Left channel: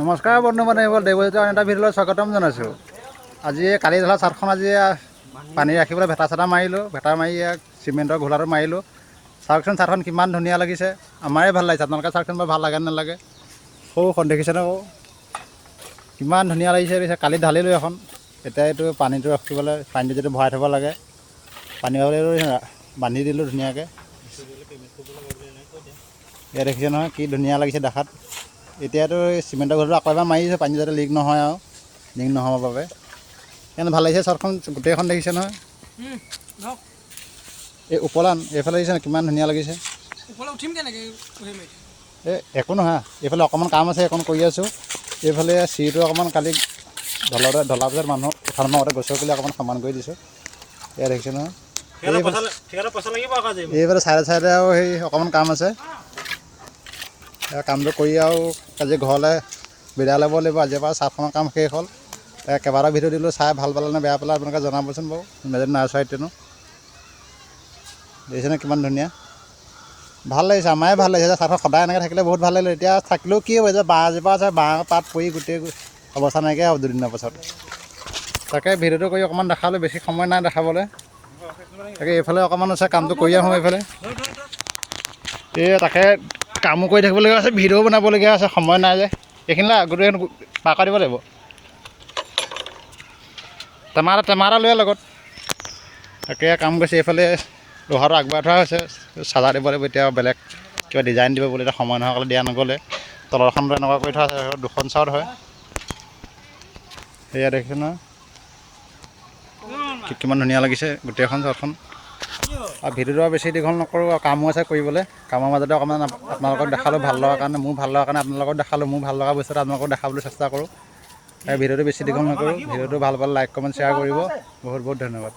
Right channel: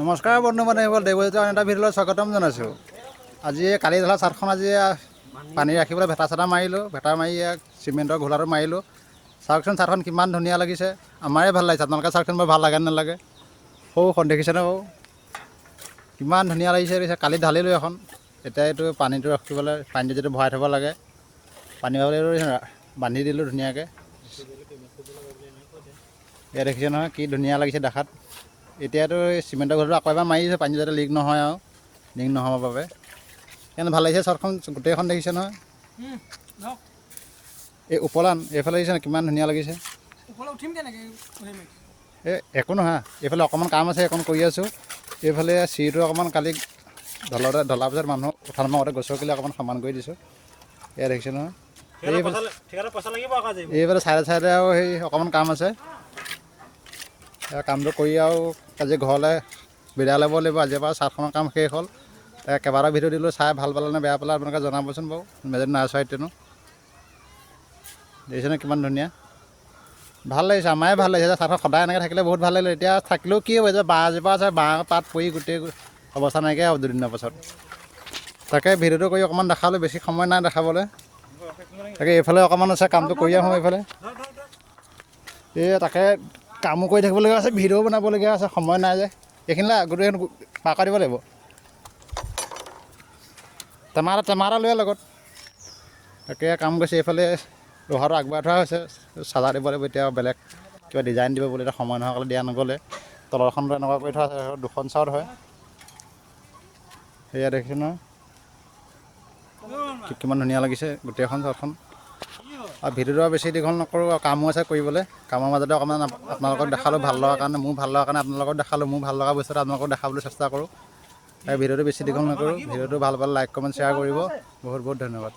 নমস্কাৰ বন্ধু বান্ধৱীসকল, দেৱজিৎ আন এটা ভিডিঅ'লৈ স্বাগতম জনাইছোঁ। আজি কালি ধৰা চাৰ্টখন আজি পানী ৰাখিবলৈ ভেটা চেটা মাৰিলোঁ, ভেটা মাৰি চিমেণ্টৰ ঘোলাটো মাৰিলোঁ। চাওকচোন চাৰ্টখন কিমান ধুনীয়া লাগিছে, আমাৰে ভাল লাগিছে। আপোনালোকে চাৰ্টখন বৰ ভাল লাগে নালাগে? সৌ দেখিছেনে বাৰু কিমান ধুনীয়া লাগিছে। কালি ঢালিলোঁ এখন, এতিয়া এইটো পানীটো ৰাখিবলৈ পানীটো যিটো ভৰাই থ'ব লাগে, পানী বান্ধি দিলোঁ ধুনীয়াকৈ। ইয়াত দেখিছে নহয় কি ধুনীয়া লাগিছে দেখাত। এতিয়াতো চিমেণ্টৰ ঘৰটো আকৌ এবাৰ মাৰিছোঁ, পানী যাতে লিক নহয় আৰু লিক নহ'বৰ বাবে। সেইকাৰণে ভাল লাগিছে চাৰ্টখন গোটেইখন দেখিছে নহয়। এই ওপৰান এইফালে দেখিছে কিমান ধুনীয়া লাগিছে। একো নহয়, এইফালে অকণমান কাম আছে, এখন কৰি আছোঁ। এইফালে চিৰিটো অকণমান কালি ঢলাৰ পিছত মানুহ উঠান মাৰোঁতে গছৰ কিলো অকণমান সমান কৰি দিছোঁ। এয়া দেখিছে নহয়। এইফালে চাইডে আৰু সেই অকণমান কাম আছে, কামটো কৰি আৰু আজি ঘৰলৈ বিদায় ল'ব লাগিব। আজিৰ পৰা চাৰ্টখনৰ কাম শেষ হ'ল। কেইবাটাও ভিডিঅ' দিলোঁ, চাই ভাল পালে নে বেয়া পালে আপোনালোকে জনাবচোন বাৰু। মেজৰ নাৰ্চাৰীতেনো দেখিছেনে কিমান ধুনীয়া, ভাল লাগিছে। আমাৰে ভাল লাগিছে। চাৰ্টখন সদায় এনেকৈ থাকিলে বহুত ভাল লাগিলে। এতিয়া থাকিলেও কি হ'ব, যে বাঁহ এজোপা আছে, বাঁহ পাত পৰি গোটেই অৱস্থা নাইকিয়া হ'ব দুদিনৰ পাছত। তাকে ভিডিঅ'টো কৰি অকণমান দেখালোঁ, বেছি সময় নাই দেখাবলৈ। তাকে এইফালে অকণমান আছে, কামটো কৰি আহোঁ এইফালে। এই তাকে কামো কৰি থাকিবলগীয়া আছে, ভিডিঅ'ও বনাবলগীয়া আছে, সময় নাই যে। এইখিনিলে গোটেই পাৰ কৰি দিব লাগিব। টেমা এটা লৈ লগত। তাকে কাম কৰিছে। এইফালে লোহাটো আগবঢ়াই থোৱা হৈছে, চাজা দিব লাগিব। এতিয়া বেলেগ কিবা ডিজাইন দিব বুলি এতিয়া সময় নোহোৱা দিয়া নগ'লে। তলৰখনটো এনেকুৱা কৰি থোৱা আছে, দুখন চাউত হয়। সেয়া দেখিছে নহয় কিমান ধুনীয়া লাগিছে গোটেইখন চাউতখন। আৰু ভিডিঅ'টো আৰু বেছি দীঘল নকৰোঁ, আৰু কামো আছে কৰিবলৈ। কামৰ মাজতে অকণমান আপোনালোকক দেখালোঁ, ভাল লগাৰ কাৰণে, মোৰ ভাল লগাৰ কাৰণে আপোনালোকক দেখালোঁ। মোৰ ভাল লগা বস্তুটো আপোনালোকক দেখাবলৈ চেষ্টা কৰোঁ। ভিডিঅ'টো বেছি দীঘল নকৰোঁ। ভিডিঅ'টো ভাল পালে লাইক কমেণ্ট শ্বেয়াৰ কৰিব। বহুত বহুত ধন্যবাদ।